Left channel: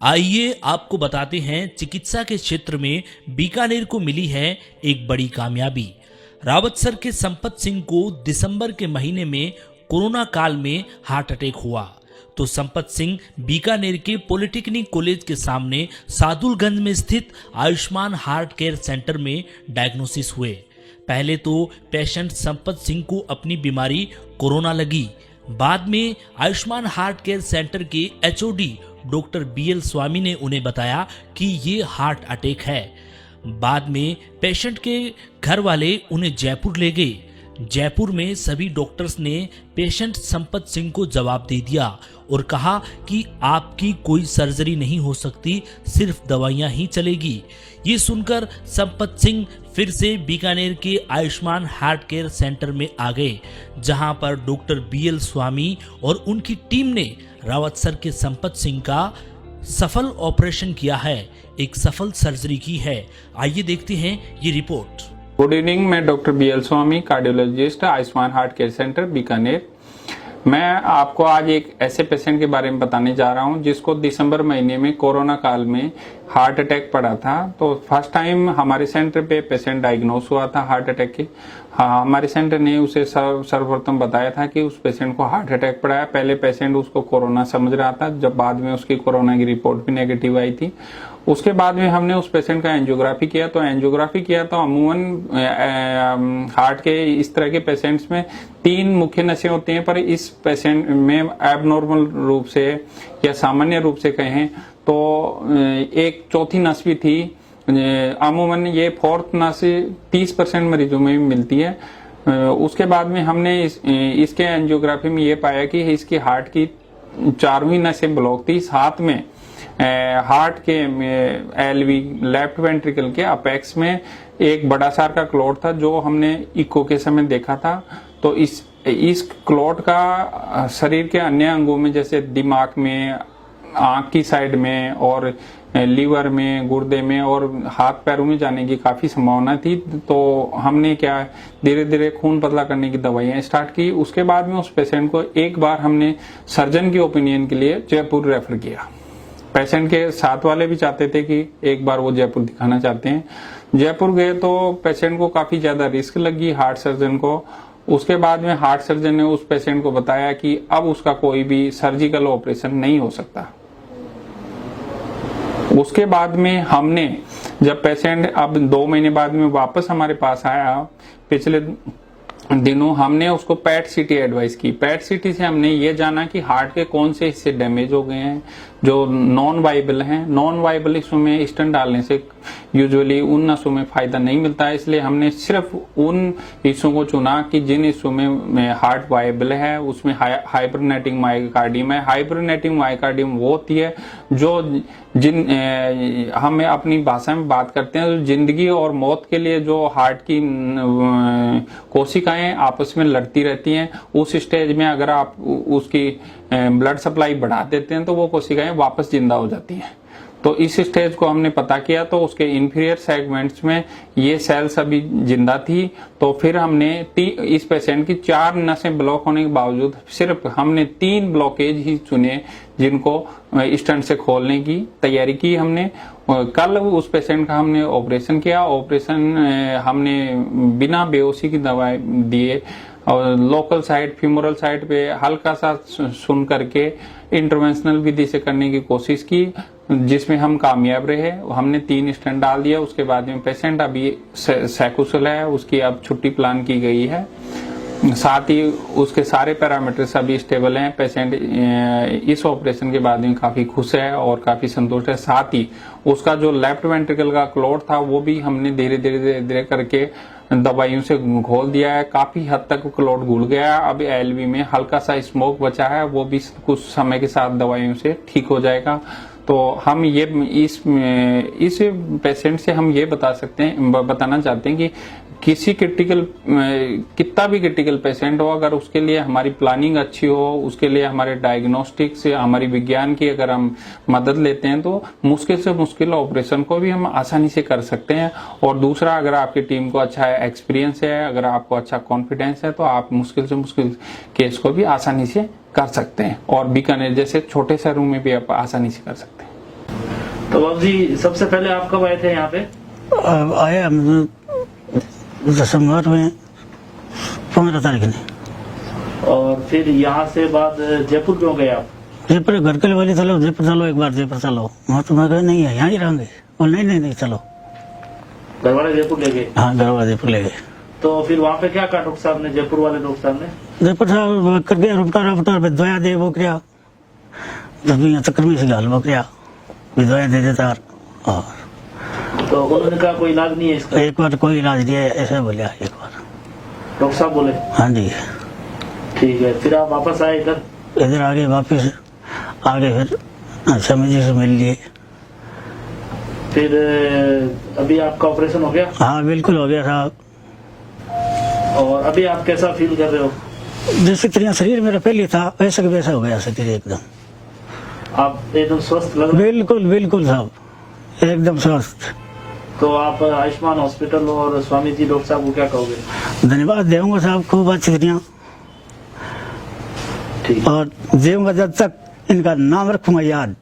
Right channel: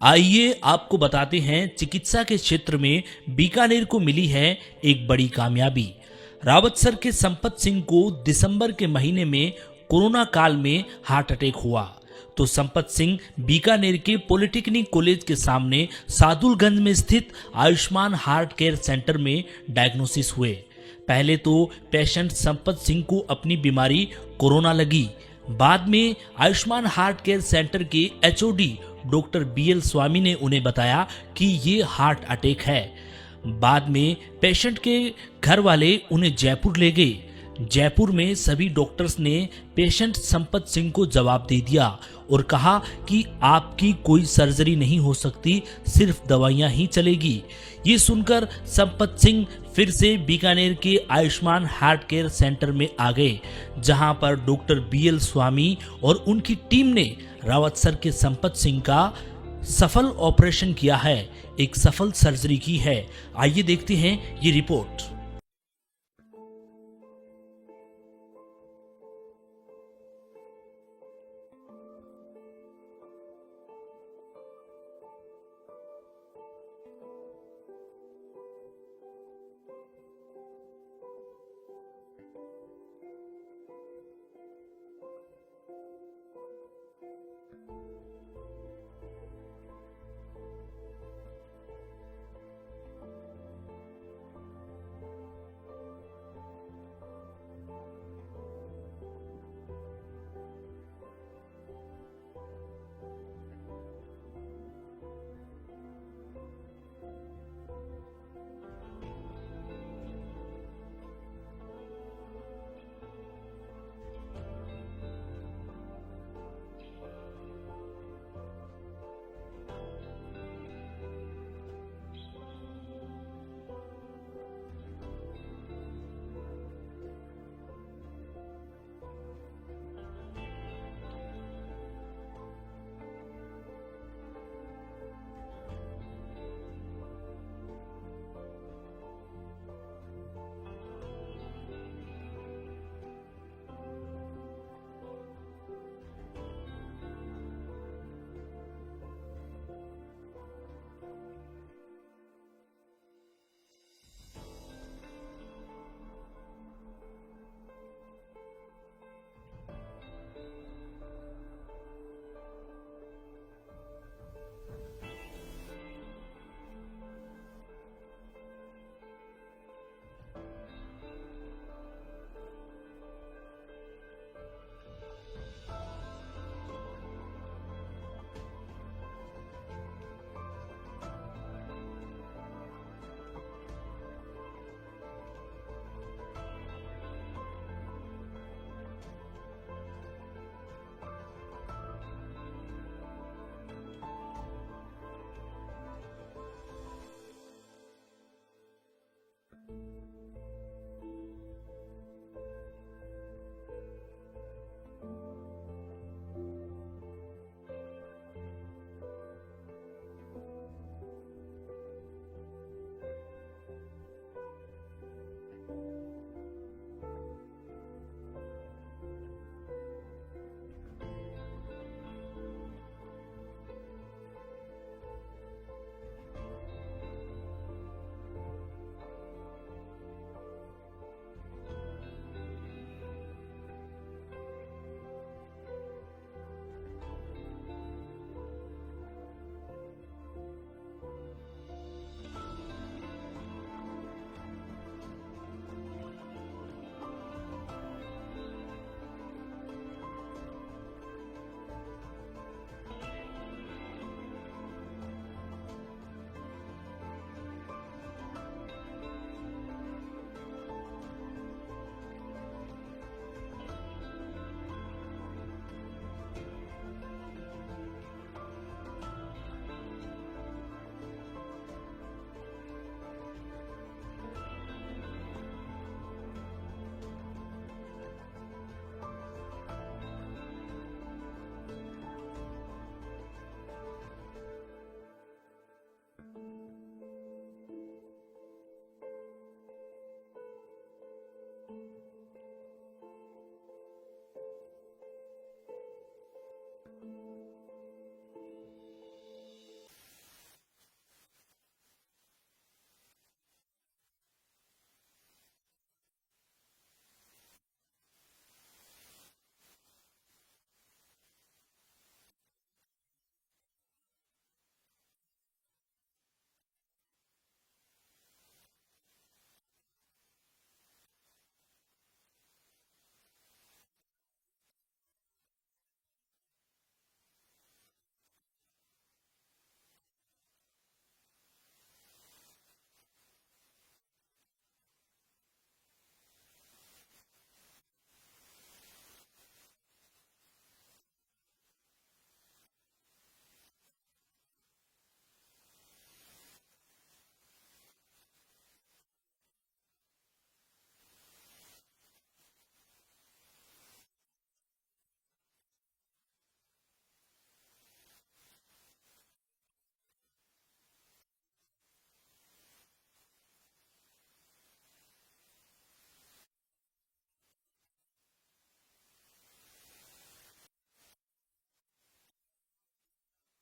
आइए आपको बताते हैं चिकित्सा के क्षेत्र में बीकानेर को मिली है एक बड़ी कामयाबी। रावतसर के संपत सिंह को दिसंबर के महीने में कोरोना काल में हार्ट अटैक हुआ तो संपत सिंह बीकानेर के पॉलिटेक्निक कॉलेज के सामने सादुलगंज में स्थित आयुष्मान हार्ट केयर सेंटर में डायग्नोसिस हुए। पहले तो पेशेंट संपत सिंह को अपनी बीमारी कोरोना लगी। बाद में आयुष्मान हार्ट केयर सेंटर के एचओडी डॉक्टर बीएल स्वामी ने उन्हें बताया कि ये हार्ट अटैक है। बाद में पेशेंट के घर वाले उन्हें जयपुर ले गए। जयपुर में सभी डॉक्टर्स ने पेशेंट संपत सिंह को जवाब दे दिया और कहा कि आपकी कोई सर्जरी नहीं हो सकती, सिर्फ दवाइयां ही चलेगी। ये सुनकर संपत सिंह फिर से बीकानेर के आयुष्मान हार्ट केयर सेंटर में आ गए, जहां पर डॉक्टर बीएल स्वामी और उनकी टीम ने रावतसर के संपत सिंह का सफल ऑपरेशन किया है, एक सफल सर्जरी की है। आइए देखते हैं ये रिपोर्ट। गुड इवनिंग, मैं doctor BL Swami, cardiologist, Ayushman heart care centre Bikaner. मैं आपको आज एक ऐसे पेशेंट के बारे में बताने जा रहा हूं जिसको दिसंबर महीने में कोरोना काल में हार्ट अटैक पड़ा था। तो फर्स्ट टाइम हमारे सेंटर पे पेशेंट डायग्नोस हुआ था हार्ट अटैक के। हाँ, हमारे सेंटर ने उसे सर्वप्रथम बताया था कि उस पेशेंट को हार्ट अटैक पड़ा है। पहले पेशेंट उसको कोरोना समझ रहा था, जब बाद में उसकी कोरोना की रिपोर्ट भी नेगेटिव आई थी। उसके बाद में हमने उस पेशेंट का एंजियोग्राफी किया। तो अमूमन हार्ट के इस तरह के पेशेंट्स में 3 मुख्य नसें होती हैं, पर इस पेशेंट में एबनॉर्मल रूप से या सामान्य रूप से कहें तो एक चौथी नस भी थी। अमूमन ये फोर्थ नस 30% मरीजों में भी मिलती है। उसके बाद में हमने इसके एंजियोग्राफी में ये पाया कि इसकी हार्ट की 4वीं नसें ब्लॉक थी। साथ में हार्ट के एलवी लेफ्ट वेंट्रिकल के अपेक्स में एक बड़ा सार का क्लॉट था, जो हमने इको के समय देखा था। तो इस क्लॉट का शरीर के अन्य अंगों में, जैसे दिमाग में, आंख की साइड में और लीवर में, गुर्दे में और हाथ पैरों में जाने की काफी संभावना थी। तो हमने क्या धीरे धीरे खून पतला करने की दवाइयां स्टार्ट की। उसके बाद में उस पेशेंट को एक बार हमने सर्जन की ओपिनियन के लिए जयपुर रेफर किया। पेशेंट के साथ वाले भी चाहते थे कि एक बार वो जयपुर दिखाना चाहते हैं। जयपुर गए तो पेशेंट को काफी ज्यादा रिस्क लगी हार्ट सर्जन को। उसके बाद में हार्ट सर्जन ने उस पेशेंट को बताया कि अब उसका कोई भी सर्जिकल ऑपरेशन नहीं हो सकता। उसके बाद में हमने, जब पेशेंट अब 2 महीने बाद में वापस हमारे पास आया, पिछले दिनों हमने उसको पैट सीटी एडवाइस की। पैट सीटी से हमने ये जाना कि हार्ट के कौन से हिस्से डैमेज हो गए हैं, जो नॉन वाइबल हैं। नॉन वाइबल हिस्सों में स्टेंट डालने से यूजुअली उन नसों में फायदा नहीं मिलता है, इसलिए हमने सिर्फ उन हिस्सों को चुना कि जिन हिस्सों में हार्ट वाइबल है, उसमें हाइपरनेटिंग मायोकार्डियम है। हाइपरनेटिंग मायोकार्डियम वो होती है जो हमें अपनी भाषा में बात करते हैं, जिंदगी और मौत के लिए जो हार्ट की कोशिकाएं आपस में लड़ती रहती हैं। उस स्टेज में अगर आप उसकी ब्लड सप्लाई बढ़ा देते हैं तो वो कोशिकाएं वापस जिंदा हो जाती हैं। तो इस स्टेज को हमने पता किया, तो उसके इंफीरियर सेगमेंट्स में ये सेल्स अभी जिंदा थी। तो फिर हमने इस पेशेंट की 4 नसें ब्लॉक होने के बावजूद सिर्फ हमने 3 ब्लॉकेज ही चुने जिनको स्टंट से खोलने की तैयारी की हमने। कल उस पेशेंट का हमने ऑपरेशन किया। ऑपरेशन हमने बिना बेहोशी की दवाई दिए और लोकल साइड, फ्यूमरल साइड पे हल्का सा सुन करके इंटरवेंशनल विधि से करने की कोशिश की, जिसमें हम कामयाब रहे। हमने 3 स्टेंट डाल दिया। उसके बाद में पेशेंट अभी सकुशल है, उसकी अब छुट्टी प्लान की गई है। साथ ही उसके सारे पैरामीटर्स अभी स्टेबल हैं। पेशेंट इस ऑपरेशन के बाद में काफी खुश है और काफी संतुष्ट है। साथ ही उसका जो लेफ्ट वेंट्रिकल का क्लॉट था वो भी हमने धीरे धीरे करके दवाइयों से घोल दिया है। काफी हद तक क्लॉट घुल गया है। अब एलवी में हल्का सा स्मोक बचा है, वो भी कुछ समय के साथ दवाइयों से ठीक हो जाएगा। तो हम ये इस पेशेंट से हम ये बताना चाहते हैं कि किसी कितना भी क्रिटिकल पेशेंट हो, अगर उसके लिए हमारी प्लानिंग अच्छी हो, उसके लिए हमारे डायग्नोस्टिक से, हमारी विज्ञान की अगर हम मदद लेते हैं तो मुश्किल से मुश्किल ऑपरेशन को भी हम आसानी से कर सकते हैं। और दूसरा, अगर आपकी टीम को अच्छा एक्सपीरियंस है, अगर आपको अच्छा कॉन्फिडेंस है, तो आप मुश्किल से मुश्किल केस को भी आसानी से कर सकते हैं और बीकानेर जैसे छोटे शहरों में भी आप आसानी से कर सकते हैं। तो बाबू जी सबसे पहले आप कब आए थे यहाँ पे? अब आए हम दिसंबर में 15 तारीख ने। और फिर यहाँ से बाद जयपुर क्यों गए आप? जयपुर घर के वाले चलो जयपुर चलो एक बार जयपुर चलो। वहाँ तो मैं कहा नहीं है यहाँ ही रहेंगे। और नहीं चलो। घर वाले जयपुर ले गए? हाँ घर वाले जयपुर ले गए। तो फिर वहाँ पे क्या कहा डॉक्टर साहब ने, जयपुर वाले डॉक्टर साहब ने? जयपुर साहब कर गया रुपटा दवाया दे वो क्या जब यहाँ चक्कर में से गाल वो क्या दवाया दे देता। और तो उन्होंने कहा कोई इलाज नहीं है इसका? एक बार कोई इलाज नहीं है ऐसे बोलिया एक बार डॉक्टर साहब बोले? हाँ जी। ठीक है, फिर आप वापस आए इधर? इधर आगे वापस आगे फिर स्वामी जी से मिल लिए। फिर अभी आपका ऑपरेशन हो गया? हाँ बिल्कुल हो गया साहब। और अभी आप कैसा फील कर रहे हो? जैसे तरह शरीर मेरा पहले था वैसा का वैसा हो गया शरीर एकदम। आप एकदम स्वस्थ लग रहे बिल्कुल साहब एकदम स्वस्थ। तो आप आयुष्मान हॉस्पिटल और स्वामी जी डॉक्टर साहब को क्या कहोगे? धन्यवाद दूंगा साहब खूब अच्छी तरह। ठीक। और जीऊंगा जब तक इनका नाम रखूंगा याद।